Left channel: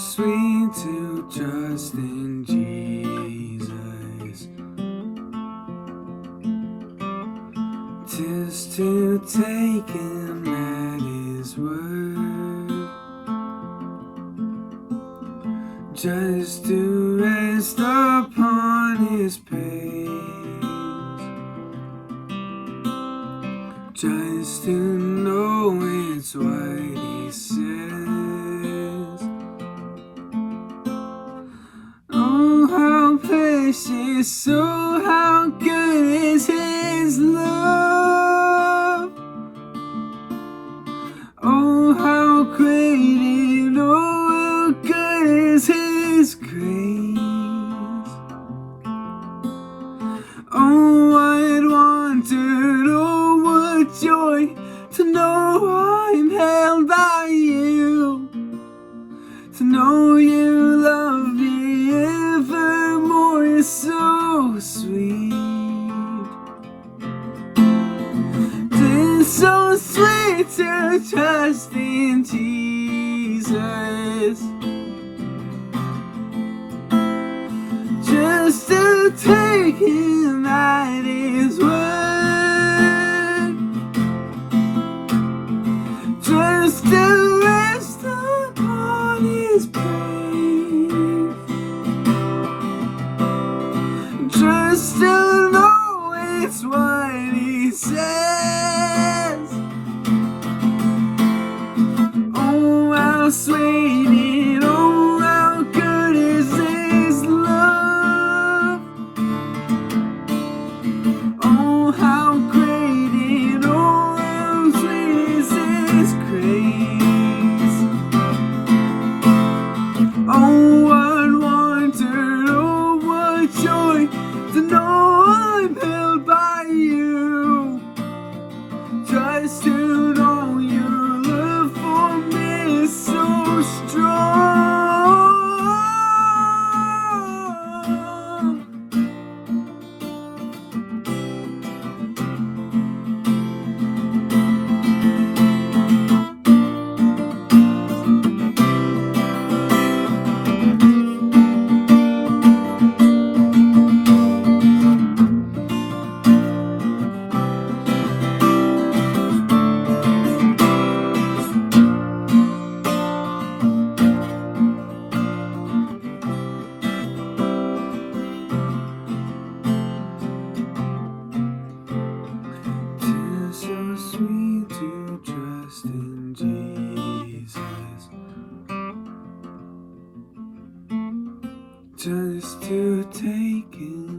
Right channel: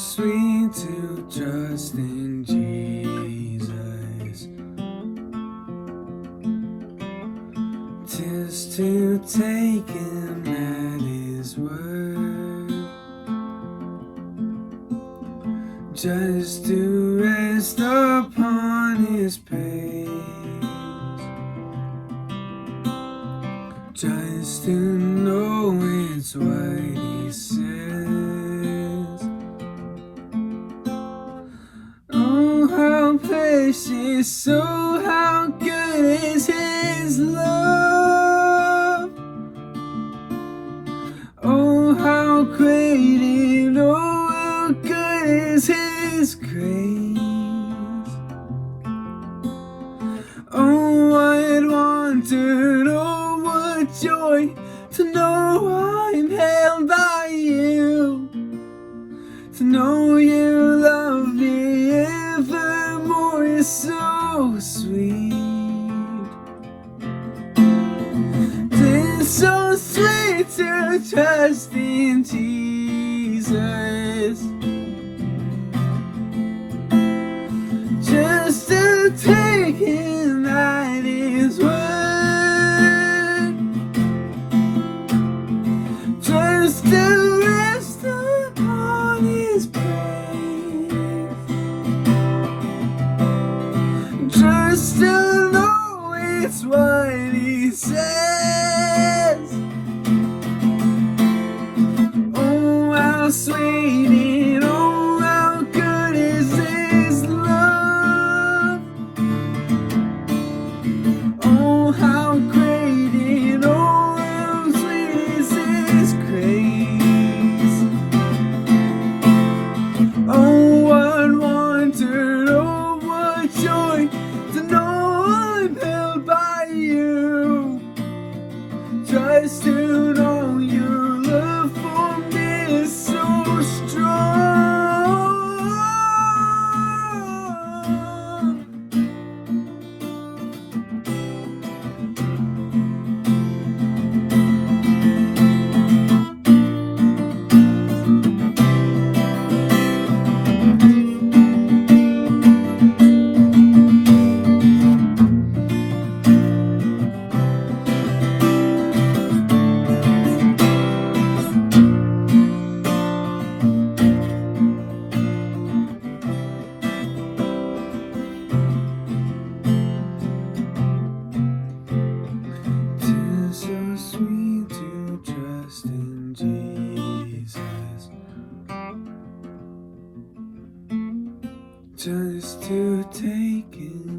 sweet to trust in Jesus. 'Tis to take him at his word, just to rest upon his praise, just to know it's what he says. Oh, how precious, oh, how good is his love. Oh, how great and oh, how good is his grace. Oh, what wonder, oh, what joy to know I'm held by you, to know you love me evermore is so sweet. 'Tis so sweet to trust in Jesus, just to take him at his word, just to rest upon his praise, just to know it's what he says. Oh, how sweet and oh, how good is his love. Oh, how great and oh, how sweet is his grace. Oh, what wonder, oh, what joy to know I'm held by you, just to know your love for me is so strong. So sweet to trust in Jesus, just to take him